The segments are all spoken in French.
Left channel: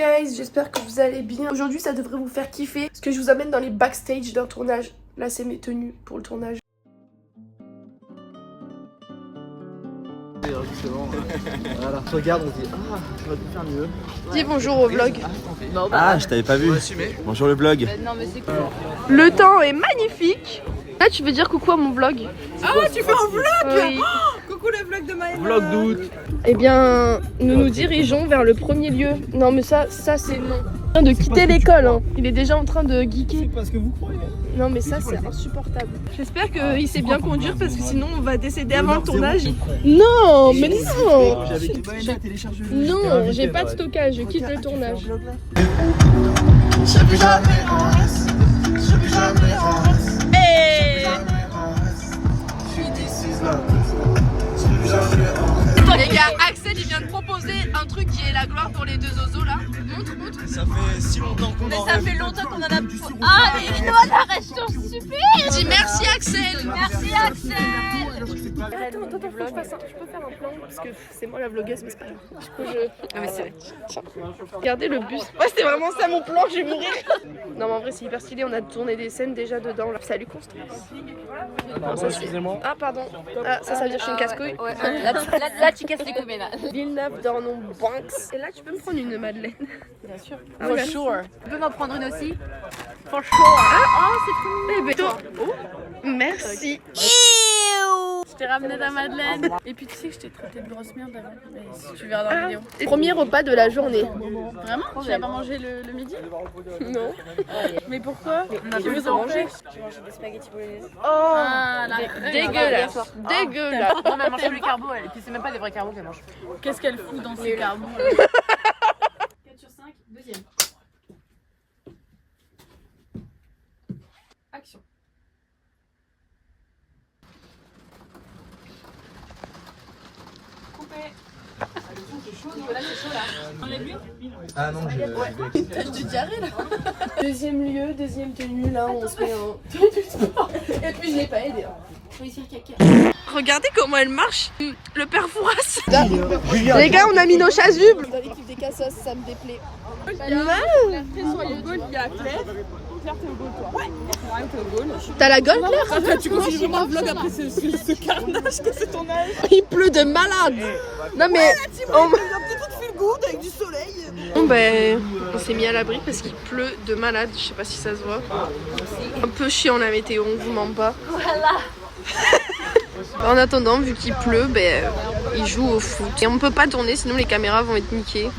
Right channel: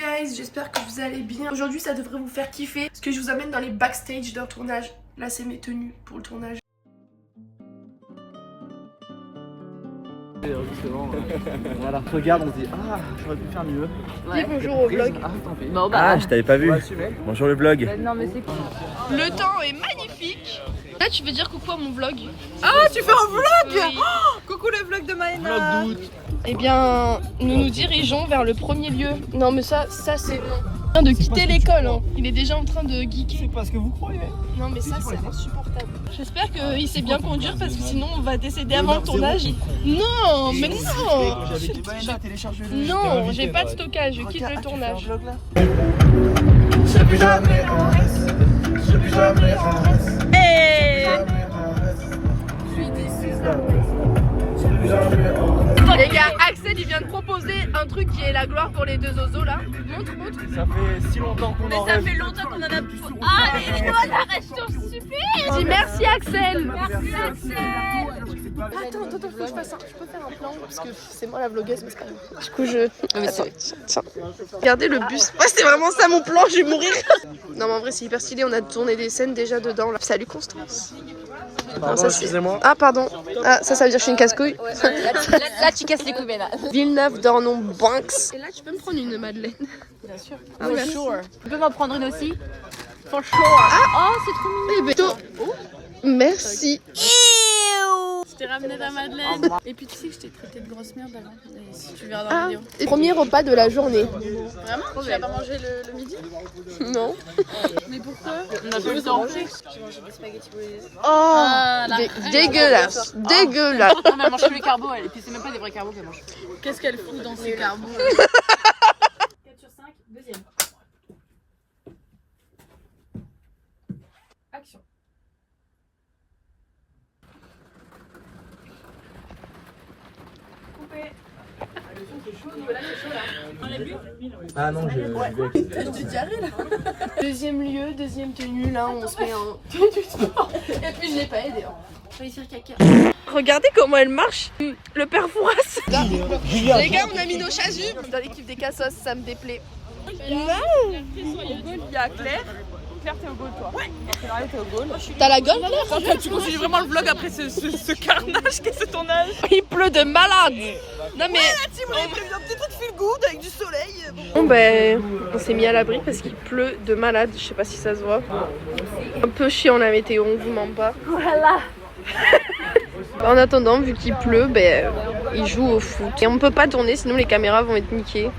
guys, j'espère que vous allez bien. Aujourd'hui ça devrait vous faire kiffer parce que je vous amène dans les backstage d'un tournage. Là c'est mes tenues pour le tournage. Voilà, regarde, on se dit ah, on va faire mieux. Dis bonjour au vlog. Ah, je t'avais pas vu. Bonjour le vlog. Le temps est magnifique. Là tu veux dire coucou à mon vlog. Ah, tu fais un vlog? Oui. Coucou le vlog de Maïma. Vlog d'août. Eh bien, nous nous dirigeons vers le premier lieu. Non mais ça c'est long. Il est en train de quitter l'école, hein. Il est déjà en train de geeker. C'est pas ce que vous croyez. Non mais ça c'est insupportable. J'espère qu'il sait bien conduire parce que sinon on va décéder avant le tournage. Non mais non. Non, j'ai pas de stockage, je quitte le tournage. Je plus jamais en reste. Je plus jamais en reste. Les gars, Axel il vient de proposer un truc qui est la gloire pour les deux zozos là. Montre. Ça fait si longtemps qu'on en rêve. Ça fait longtemps qu'on en a. Ah, mais dis-nous la restauration super. Dis merci Axel. Merci Axel. Attends, faut que je fasse un... Je peux faire un plan parce que c'est moi la vlogueuse mais c'est pas grave. Du coup Tiens. Regardez le bus. Ouais c'est vraiment ça mon plan, je vais mourir. Non mais en vrai c'est hyper stylé, on a tourné des scènes déjà dedans là. Salut Constance. Non, ça, ah pardon. Ah ça veut dire que je suis une casse-couille. Là, tu casses les couilles, là. Villeneuve d'Ornon Banks. Et là tu peux me prendre une madeleine. Bien sûr. Ah, For merci. sure. Tu peux m'en prendre une aussi? For sure. Ah, oh, c'est trop mignon. Eh ben, merci. Je t'ai ramené ta madeleine. Et puis tu sais que je t'ai traité de grosse merde avant. Et si tu verras dans la vidéo. Premier repas de la journée. Vraiment? Tu vas pas manger le midi? Non. Mais pourquoi? On a plus en fait. J'ai mangé des spaghettis bolognaises. Oh, dégueulasse. Dégueulasse. Non mais elle mange que du carbo elle. Et puis c'est même pas des vrais carbos qu'elle mange. Qu'est-ce qu'elle fout dans ces carbos? 4 sur 5, deuxième. Action. Coupé. Ah non, j'ai Deuxième lieu, deuxième tenue, là on se met en tenue de sport. Et puis je l'ai pas aidé. Regardez comment elle marche. Le père Fouras. Les gars, on a mis nos chasubles. Dans l'équipe des cassos, ça me déplaît. Au goal, il y a Claire. Claire, t'es au goal, toi. Ouais. Claire, t'es au goal. T'as la gueule, Claire? Tu continues vraiment le vlog après ce carnage que c'est ton âge. Il pleut de malade. Non mais... Avec du soleil. Bon ben, on s'est mis à l'abri parce qu'il pleut de malade. Je sais pas si ça se voit. Un peu chiant la météo, on vous ment pas. Voilà. En attendant, vu qu'il pleut, ben, il joue au foot. Et on peut pas tourner, sinon les caméras vont être niquées.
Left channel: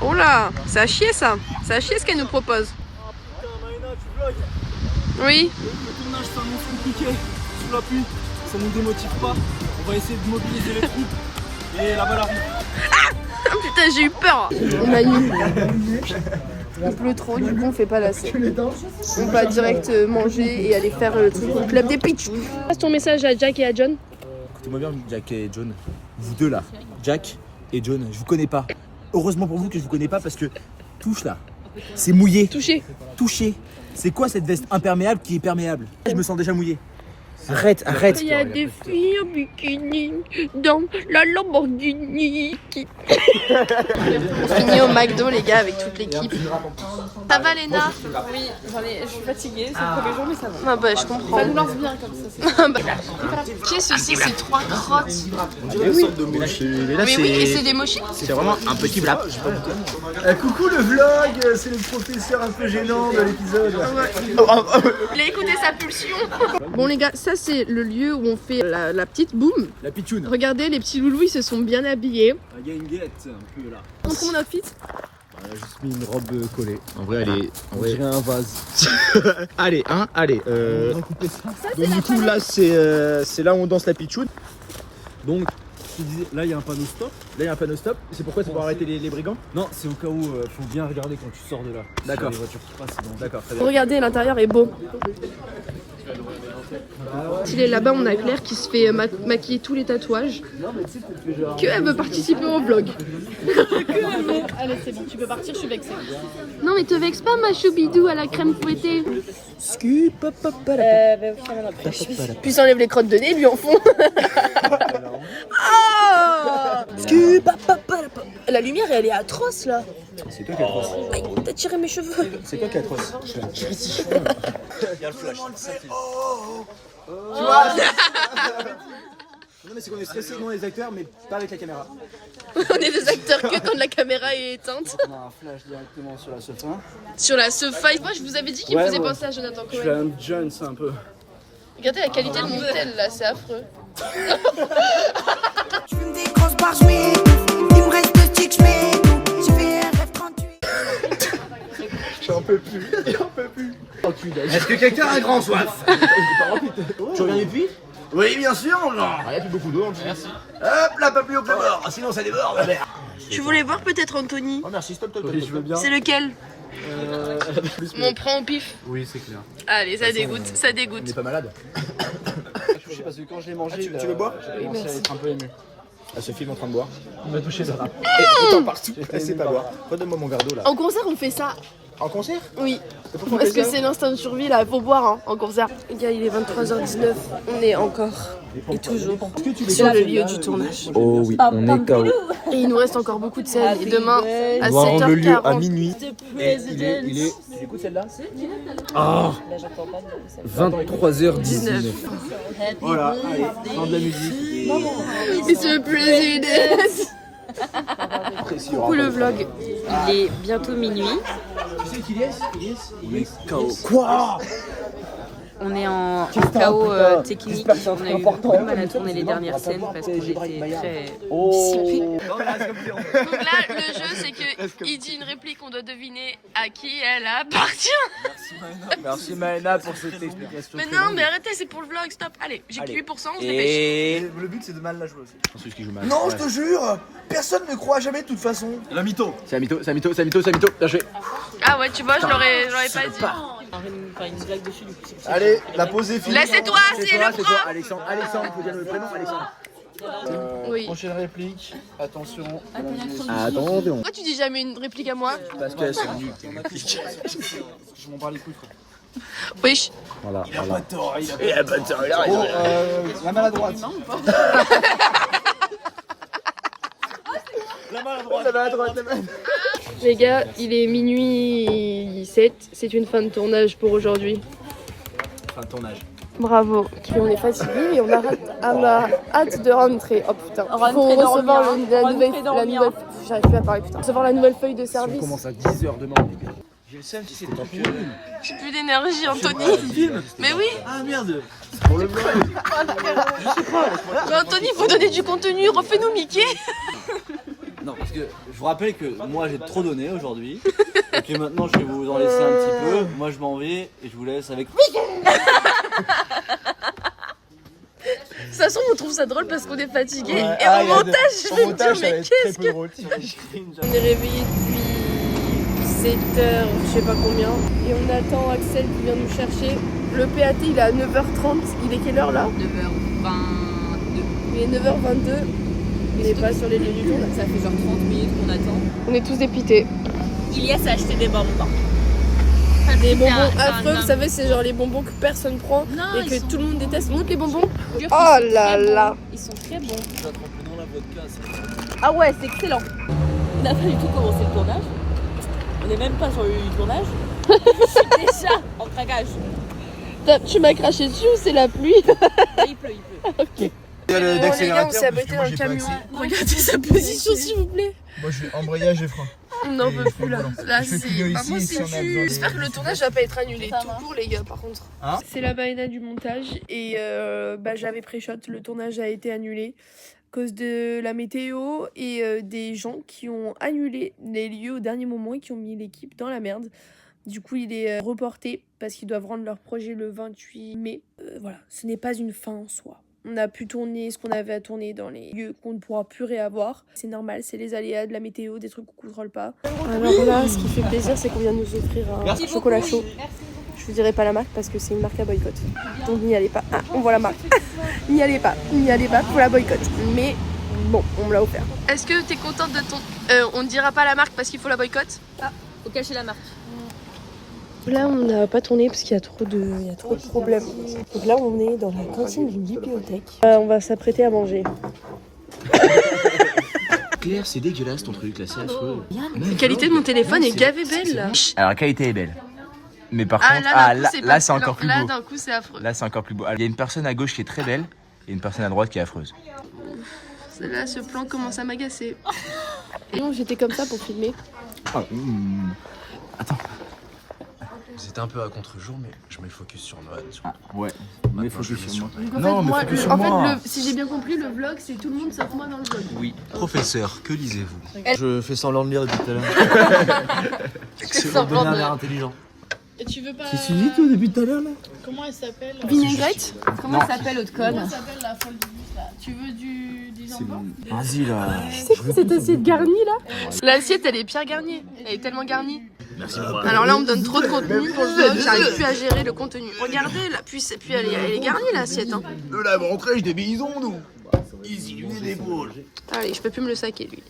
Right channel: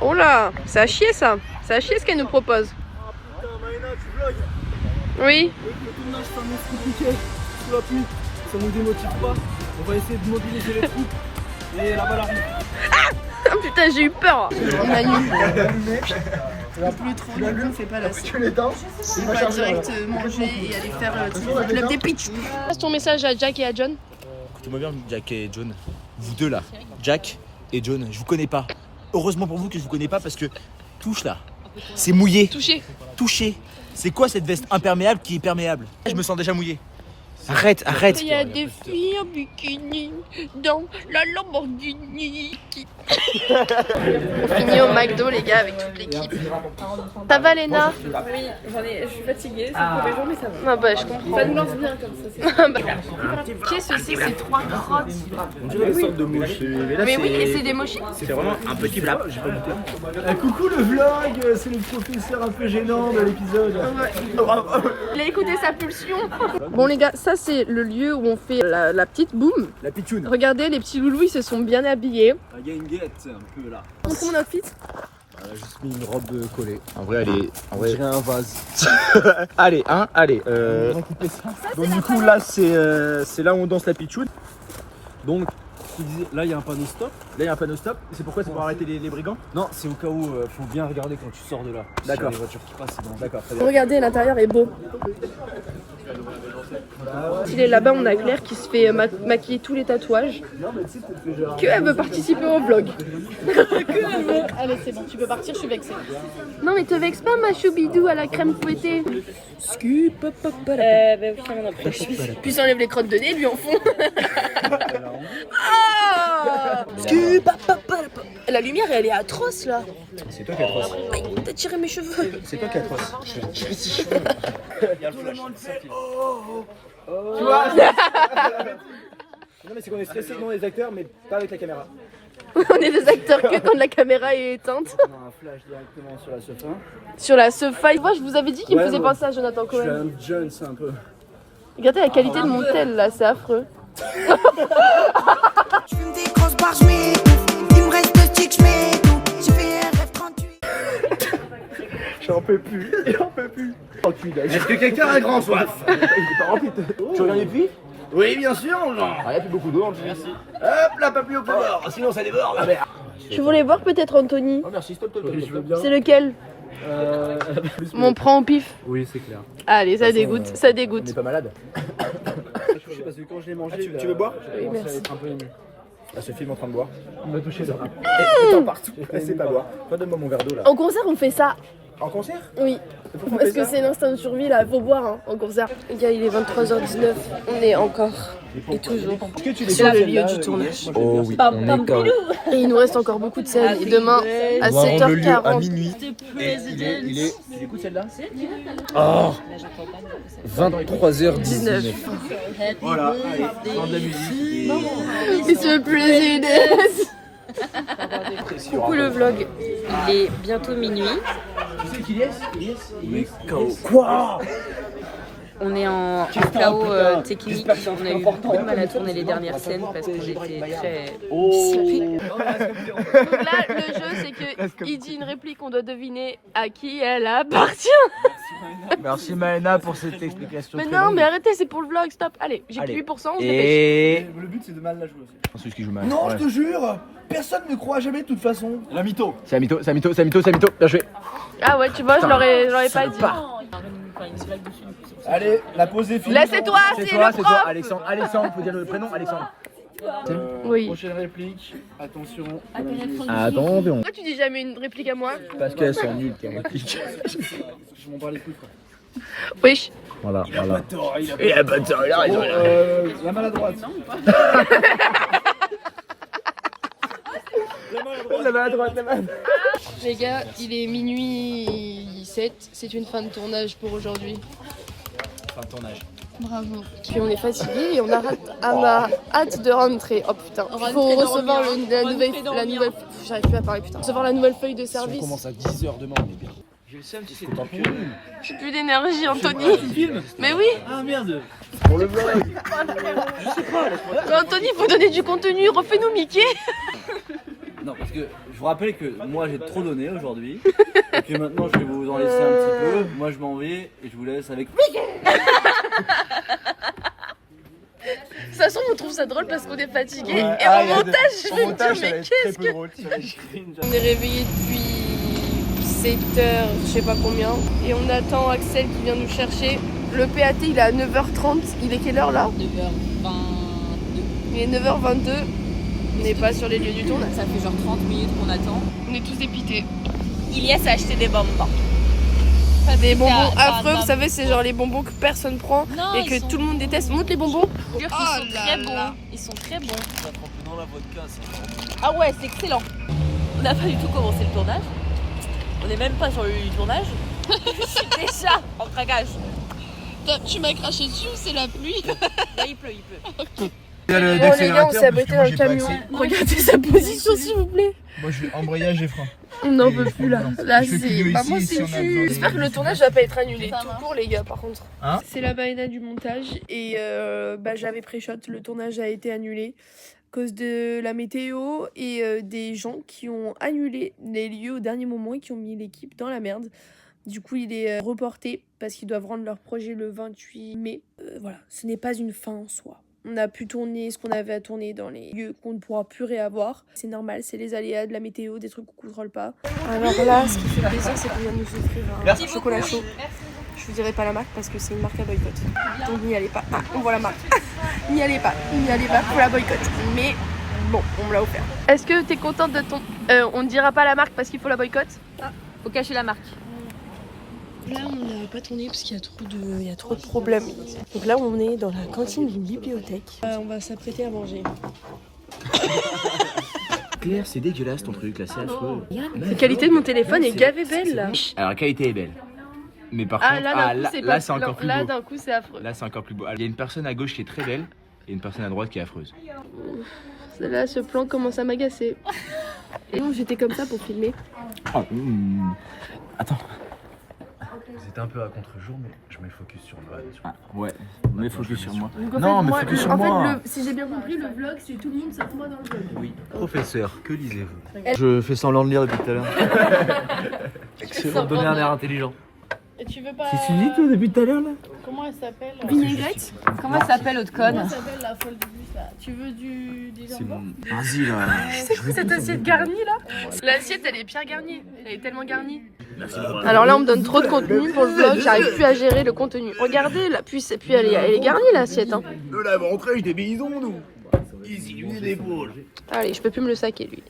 Oh là, ça a chier ça. Ça a chier ce qu'elle nous propose. Oui. Le tournage s'annonce compliqué. Sous la pluie, ça nous démotive pas. On va essayer de mobiliser les troupes. Et la balle arrive. Oh putain, j'ai eu peur. On annule. Il pleut trop, du coup on fait pas la scène. On va direct manger et aller faire le truc au club des pitch. Passe ton message à Jack et à John. Écoutez-moi bien, Jack et John. Vous deux là, Jack et John, je vous connais pas. Heureusement pour vous que je vous connais pas parce que touche là, c'est mouillé. Touché. C'est quoi cette veste imperméable qui est perméable? Je me sens déjà mouillé. Arrête. Il y a des filles en bikini dans la Lamborghini. On finit au McDo les gars avec toute l'équipe. Ça va Léna? Oui, je suis fatiguée, c'est le premier jour, mais ça va. Ah bah je comprends. Ça nous lance bien comme ça. Qu'est-ce que c'est ces trois crottes? On dirait une sorte de mochi. Mais oui, et c'est des mochis? C'est vraiment un petit plat. Coucou le vlog, c'est le professeur un peu gênant de l'épisode. Il a écouté sa pulsion. Bon les gars, ça c'est le lieu où on fait la petite boum. La pitchoune. Regardez, les petits loulous ils se sont bien habillés. Il y a une guette un peu là. Montre mon outfit. Elle a juste mis une robe collée. En vrai, allez. En On vrai. dirait un vase. Allez. Donc du coup là c'est là où on danse la pitchoune. Donc je te disais, là il y a un panneau stop. C'est pourquoi? C'est pour arrêter les brigands? Non, c'est au cas où faut bien regarder quand tu sors de là. D'accord. Les voitures qui passent, c'est dangereux. D'accord, très bien. Regardez, l'intérieur est beau. Il est là-bas, on a Claire qui se fait maquiller tous les tatouages. Elle veut participer au vlog. Allez, c'est bon, tu peux partir, je suis vexée. Non mais te vexe pas ma choubidou à la crème fouettée. Puis ça enlève les crottes de nez lui en fond. Ah La lumière, elle est atroce là. C'est toi qui es atroce. T'as tiré mes cheveux. C'est toi qui es atroce. Je vais tirer tes cheveux. Tout le monde fait oh. Tu vois. Non mais c'est qu'on est stressé devant les acteurs mais pas avec la caméra. On est des acteurs que quand la caméra est éteinte. On a un flash directement sur la sofa. Sur la Sofa. Moi, je vous avais dit qu'il me faisait penser à Jonathan Je suis Cohen. un Jones un peu. Regardez la qualité de mon tel là, c'est affreux. Je fume des grosses barres, je m'étouffe. Il me reste 2 sticks, je m'étouffe. J'ai fait RF38. J'en peux plus. Est-ce que quelqu'un a grand soif? Tu regardes les puits? Oui, bien sûr, mon genre. Il n'y a plus beaucoup d'eau, merci. Hop là, pas plus au bord, sinon ça déborde. Ah, merde. Tu voulais voir peut-être Anthony? Oh merci, stop. Je veux bien. C'est lequel? On prend au pif. Oui, c'est clair. Allez, ça dégoûte, ça On dégoûte. n'est pas malade. Parce que quand je l'ai mangé. Tu veux boire? Oui, merci. Un peu ému. Ah, ce film en train de boire. Il m'a touché ça. Attends, partout. Laissez pas boire. Redonne-moi mon verre d'eau là. En concert, on fait ça. En concert? Oui. Parce que c'est l'instinct de survie là, faut boire hein, en concert. Il est 23h19, on est encore et toujours sur le lieu du tournage. Oh oui, on est KO. Et il nous reste encore beaucoup de scènes. Et demain à On va rendre le lieu à 7h40. minuit. Et il est... Du coup celle-là Oh 23h19. Voilà, allez, prends de la musique. It's a president. Coucou le vlog, il est bientôt minuit. Tu sais qui est? Il est KO. Quoi? On est en chaos technique, on a eu beaucoup de mal à tourner les dernières scènes parce qu'on était très scientifiques. Donc là, le jeu, c'est qu'il dit une réplique, on doit deviner à qui elle appartient. Merci Maëna pour cette explication. Mais non, mais arrêtez, c'est pour le vlog, stop. Allez, j'ai que 8%, on se dépêche. Et le but c'est de mal la jouer aussi. C'est ce qui joue mal. Non, je te jure, personne ne croit jamais de toute façon. La mytho. C'est un mytho. Bien joué. Ah ouais, tu vois, je l'aurais pas dit. Allez, la pause est finie. Là, c'est toi, c'est le prof. Alexandre, on peut dire le prénom, Alexandre. Oui. Prochaine réplique, attention. Attendez. Pourquoi tu dis jamais une réplique à moi? Parce qu'elles sont nulles, tes répliques. Je m'en parle les couilles, frère. Wesh. Voilà. Il a pas de tort, il a pas de Il a pas de tort. Oh, la maladroite. La maladroite. Les gars, il est minuit 7, c'est une fin de tournage pour aujourd'hui. Fin de tournage. Bravo. Puis on est fatigué et on a hâte de rentrer. Oh putain. Faut recevoir la nouvelle. J'arrive plus à parler putain. Recevoir la nouvelle feuille de Si on service. commence à 10h demain, les gars. J'ai le seum si c'est pas pour nous. J'ai plus d'énergie, Anthony. Mais oui. Ah merde. Pour le vlog. Mais Anthony, faut donner du contenu. Refais-nous Mickey. Non, parce que je vous rappelle que moi j'ai trop donné aujourd'hui et que maintenant je vais vous en laisser un petit peu. Moi je m'en vais et je vous laisse avec. De toute façon, on trouve ça drôle parce qu'on est fatigué. Et en montage, je vais me dire, mais qu'est-ce que. On est réveillé depuis 7h, je sais pas combien. Et on attend Axel qui vient nous chercher. Le PAT, il est à 9h30. Il est quelle heure là? 9h22. Il est 9h22. On n'est pas sur les lieux du tournage. Ça fait genre 30 minutes qu'on attend. On est tous dépités. Ilias a acheté des bonbons. Des bonbons affreux, vous savez, c'est genre les bonbons que personne prend et que tout le monde déteste. Montre les bonbons. Oh là là. Ils sont très bons. Ah ouais, c'est excellent. On n'a pas du tout commencé le tournage. On n'est même pas sur le lieu du tournage. C'est déjà en craquage. Tu m'as craché dessus ou c'est la pluie? Il pleut. Ok. Bon les gars, on s'est abrité dans le camion. Regardez sa position s'il vous plaît. Moi je suis embrayage et frein. On n'en peut plus là. Là Je fais que c'est. Bah, moi ici, c'est si on a tu. besoin de- J'espère que le tournage va pas être annulé tout court les gars par contre. Hein C'est la baïna du montage et j'avais pré-shot, le tournage a été annulé à cause de la météo et des gens qui ont annulé les lieux au dernier moment et qui ont mis l'équipe dans la merde. Du coup, il est reporté parce qu'ils doivent rendre leur projet le 28 mai. Voilà, ce n'est pas une fin en soi. On a pu tourner ce qu'on avait à tourner dans les lieux qu'on ne pourra plus réavoir. C'est normal, c'est les aléas de la météo, des trucs qu'on ne contrôle pas. Alors là, ce qui fait plaisir, c'est qu'on vient de nous offrir un chocolat chaud. Je vous dirai pas la marque parce que c'est une marque à boycott. Donc n'y allez pas. Ah, on voit la marque. N'y allez pas, pour la boycott. Mais bon, on me l'a offert. Est-ce que t'es contente de ton... on ne dira pas la marque parce qu'il faut la boycott? Faut cacher la marque. Là, on n'a pas tourné parce qu'il y a trop de problèmes. Donc là, on est dans la cantine d'une bibliothèque. On va s'apprêter à manger. Claire, c'est dégueulasse ton truc là, c'est affreux. La qualité de mon téléphone est gavée belle là. Alors la qualité est belle. Mais par Ah contre, là, d'un coup, c'est pas. c'est encore plus Là, beau. d'un coup, c'est affreux. Là, c'est encore plus beau. Il y a une personne à gauche qui est très belle et une personne à droite qui est affreuse. Là, ce plan commence à m'agacer. Et non, j'étais comme ça pour filmer. Attends. C'était un peu à contre-jour, mais je mets focus sur Noah. Ouais, mais focus sur moi. Donc, en Non, fait, mais moi, focus sur en moi. fait, si j'ai bien compris, le vlog, c'est tout le monde sauf moi dans le vlog. Oui. Professeur, que lisez-vous? Je fais semblant de lire depuis tout à l'heure. Excellent. Pour donner un air intelligent. Et tu veux pas. C'est Suzy toi depuis tout à l'heure là? Comment elle s'appelle? Vinaigrette. Comment elle s'appelle l'autre Comment code? elle s'appelle la folle du bus là? Tu veux des enfants? Vas-y là. C'est quoi cette assiette garnie là? L'assiette elle est Pierre Garnier, elle est tellement garnie. Alors là on me donne trop de contenu pour le vlog, j'arrive plus à gérer le contenu. Regardez la puis elle est garnie l'assiette hein. De la ventrèche des bisons, nous. Ici, du des épaules. Allez, je peux plus me le saquer lui.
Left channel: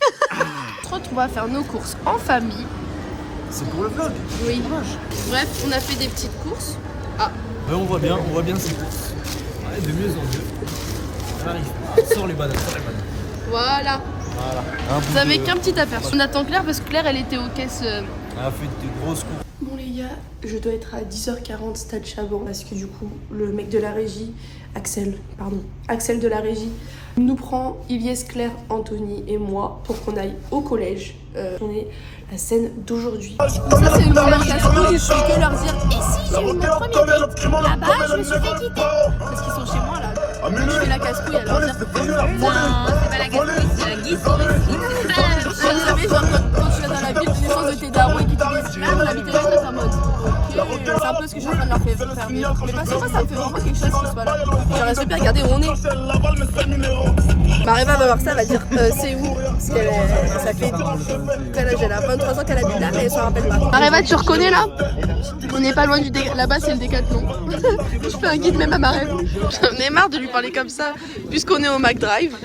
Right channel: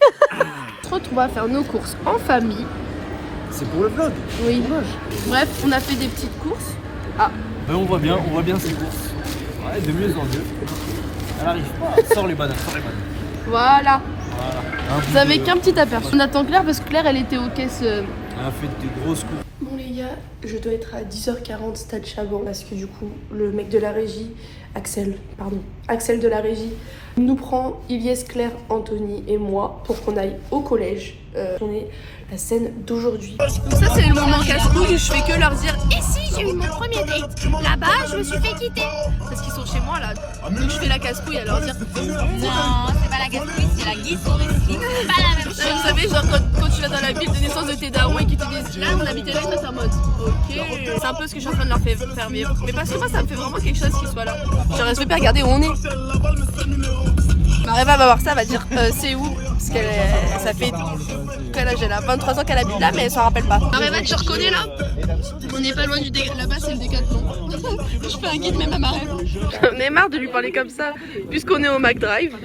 On se retrouve à faire nos courses en famille. C'est pour le vlog. Oui. Bref, on a fait des petites courses. Ben, on voit bien ces courses. Ouais, de mieux en mieux. Elle arrive pas. Sors les bananes, sors les bananes. Voilà. Vous avez qu'un petit aperçu. On attend Claire parce que Claire elle était aux caisses. On a fait de grosses courses. Bon les gars, je dois être à 10h40 stade Chaban parce que du coup le mec de la régie, Axel de la régie, nous prend Ilyes, Claire, Anthony et moi pour qu'on aille au collège tourner la scène d'aujourd'hui. Ça c'est le moment casse-couille, je fais que leur dire ici j'ai eu mon premier date, là-bas je me suis fait quitter. Parce qu'ils sont chez moi là, donc je fais la casse-couille à leur dire Non, c'est pas la casse-couille, c'est la guise. vous savez, genre quand tu vas dans la ville de naissance de tes darons et qu'ils te disent là, on habitait là, c'est en mode ok. C'est un peu ce que je suis en train de leur faire vivre. Mais parce que moi, ça me fait vraiment quelque chose qu'ils soient là. J'aurais super regardé où on est. Mareva va voir ça, elle va dire c'est où? Parce ça fait quel âge elle a 23 ans qu'elle habite là, mais elle s'en rappelle pas. Mareva, tu reconnais là? On n'est pas loin du là-bas, c'est le Décathlon. Je fais un guide même à Mareva. J'en ai marre de lui parler comme ça, puisqu'on est au McDrive.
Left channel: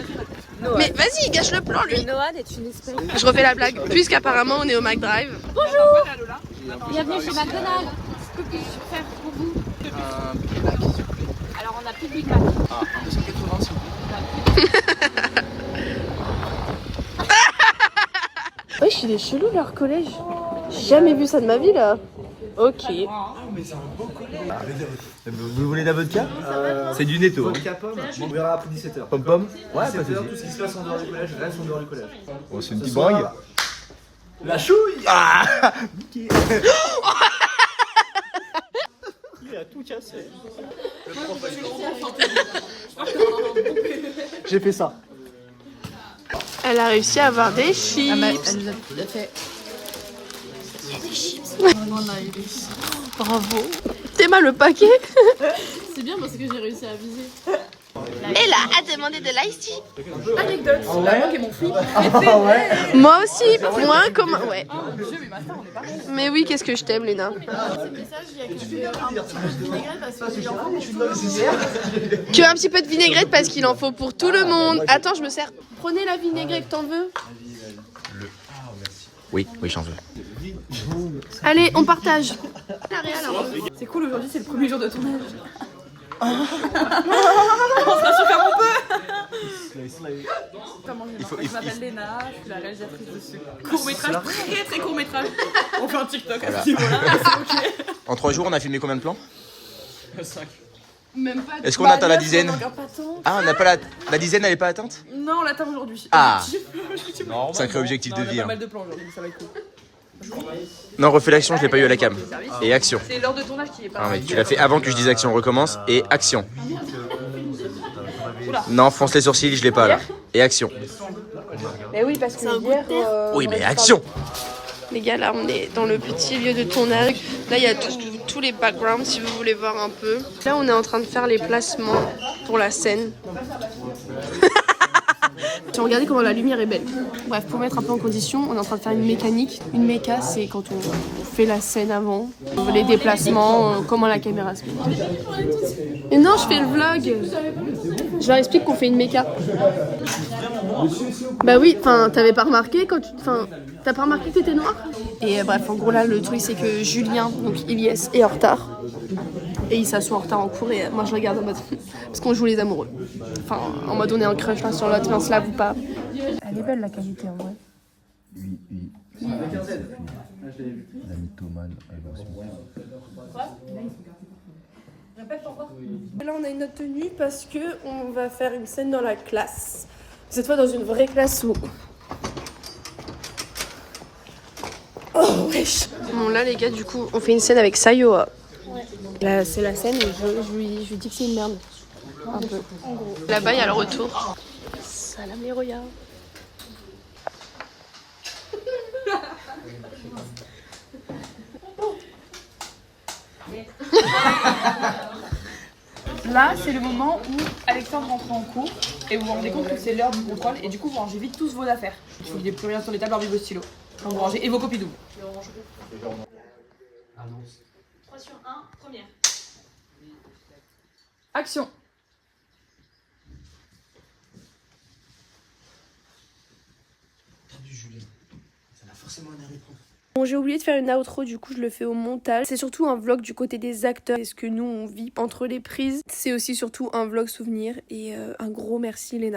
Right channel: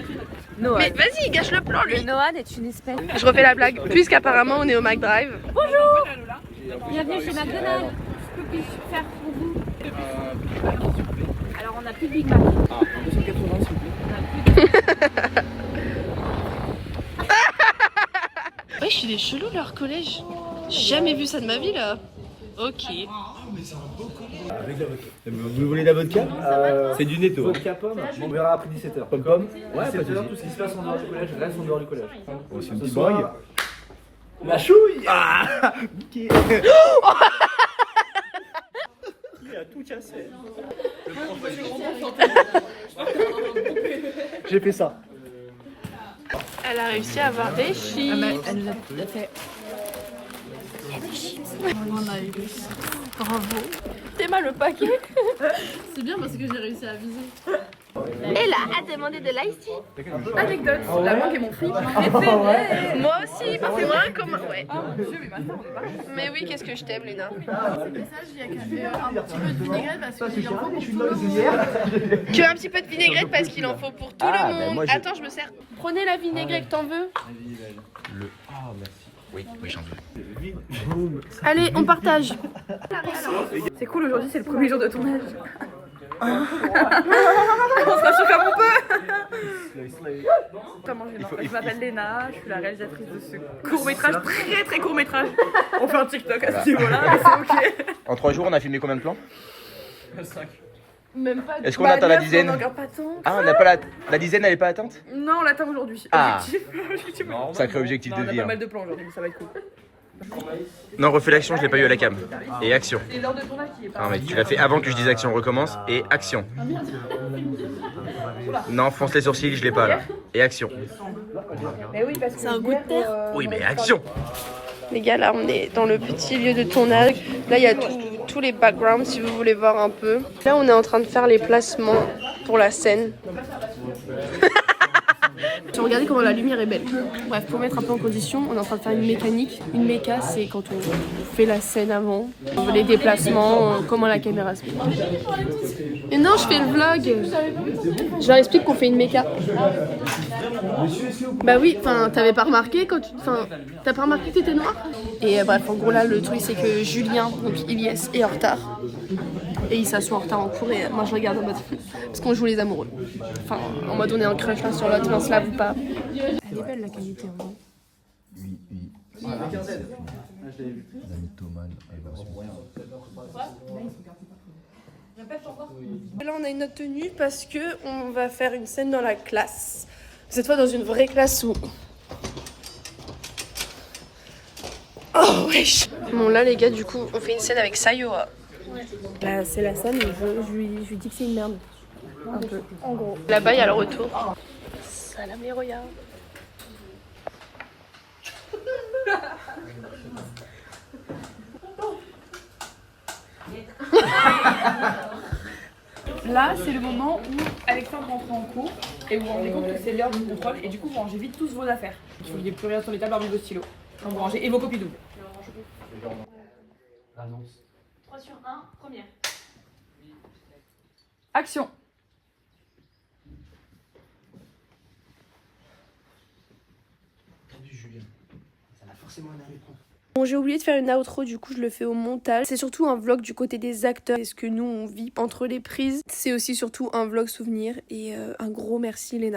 Mais vas-y, gâche le plan lui. Noah est une espèce. Je refais la blague, puisqu'apparemment on est au McDrive. Bienvenue chez McDonald's. Que puis-je faire pour vous? Alors on a plus de Big Mac. 280 s'il vous plaît. Ouais, il est chelou leur collège. J'ai jamais vu ça de ma vie là. Ok. Vous voulez de la vodka? C'est du netto. Vodka pomme, on verra après 17h. Pomme. Ouais, 17h, tout ce qui se passe en dehors du collège reste en dehors du collège. Oh, c'est une Ce petite soir, bringue. la chouille. Ah. Il a tout cassé. J'ai fait ça. Elle a réussi à avoir des chips. Elle nous a fait. Bravo. T'es mal le paquet. C'est bien parce que j'ai réussi à viser. Elle a demandé de l'ice tea. Anecdote, la mangue est mon fruit. Moi aussi, moi comme ouais. Mais oui, qu'est-ce que je t'aime, Léna. Que un petit peu de vinaigrette parce qu'il en faut pour tout le monde. Attends, je me sers. Prenez la vinaigrette, t'en veux? Oui, j'en veux. Allez, on partage. C'est cool, aujourd'hui c'est le premier jour de tournage. On se rassure comme on peut. Je m'appelle Léna, je suis la réalisatrice de ce court-métrage, très court-métrage. On fait un TikTok à ce niveau-là, c'est ok. En 3 jours, on a filmé combien de plans? 5. Même pas. Est-ce qu'on atteint la dizaine? Pas Ah, on n'a pas la dizaine, elle n'est pas atteinte? Non, on l'attend aujourd'hui. Ah. Objectif. Sacré objectif Non, de on a vie. pas Hein. mal de plans aujourd'hui, ça va être cool. Non, refais l'action, je l'ai pas eu à la cam. Et action. C'est l'heure de tournage qui est pas. Non, mais tu l'as fait avant que je dise action, recommence. Et action. Non, fonce les sourcils, je l'ai pas là. Et action. Mais oui, parce que c'est un goût de terre. Oui, mais action. Les gars, là, on est dans le petit lieu de tournage. Là, il y a tous les backgrounds, si vous voulez voir un peu. Là, on est en train de faire les placements pour la scène. Regardez comment la lumière est belle. Bref, pour mettre un peu en condition, on est en train de faire une mécanique. Une méca, c'est quand on fait la scène avant, les déplacements, comment la caméra se fait. Et non, je fais le vlog. Je leur explique qu'on fait une méca. Bah oui, enfin, t'avais pas remarqué quand tu... Enfin, t'as pas remarqué que t'étais noire? Et bref, en gros là, le truc c'est que Julien, donc Ilyes, est en retard. Et il s'assoit en retard en cours et moi je regarde en mode... Parce qu'on joue les amoureux. Enfin, en mode on est en crush l'un sur l'autre, mais on se lave ou pas. Elle est belle belle la qualité en vrai. Oui. La mythomane, Là on a une autre tenue parce que on va faire une scène dans la classe. Cette fois dans une vraie classe où... Oh wesh. Bon là les gars du coup on fait une scène avec Sayoa. Bah, c'est la scène où je lui dis que c'est une merde. Un peu. En gros. Là-bas il y a le retour. Salam les regards. Là, c'est le moment où Alexandre rentre en cours et vous vous rendez compte que c'est l'heure du contrôle et du coup vous rangez vite tous vos affaires. Il faut qu'il n'y ait plus rien sur les tables hormis vos stylos. Quand vous rangez et vos copies doubles. 3 sur 1, première. Action. Bon, j'ai oublié de faire une outro, du coup je le fais au montage. C'est surtout un vlog du côté des acteurs, c'est ce que nous on vit entre les prises. C'est aussi surtout un vlog souvenir et un gros merci Léna.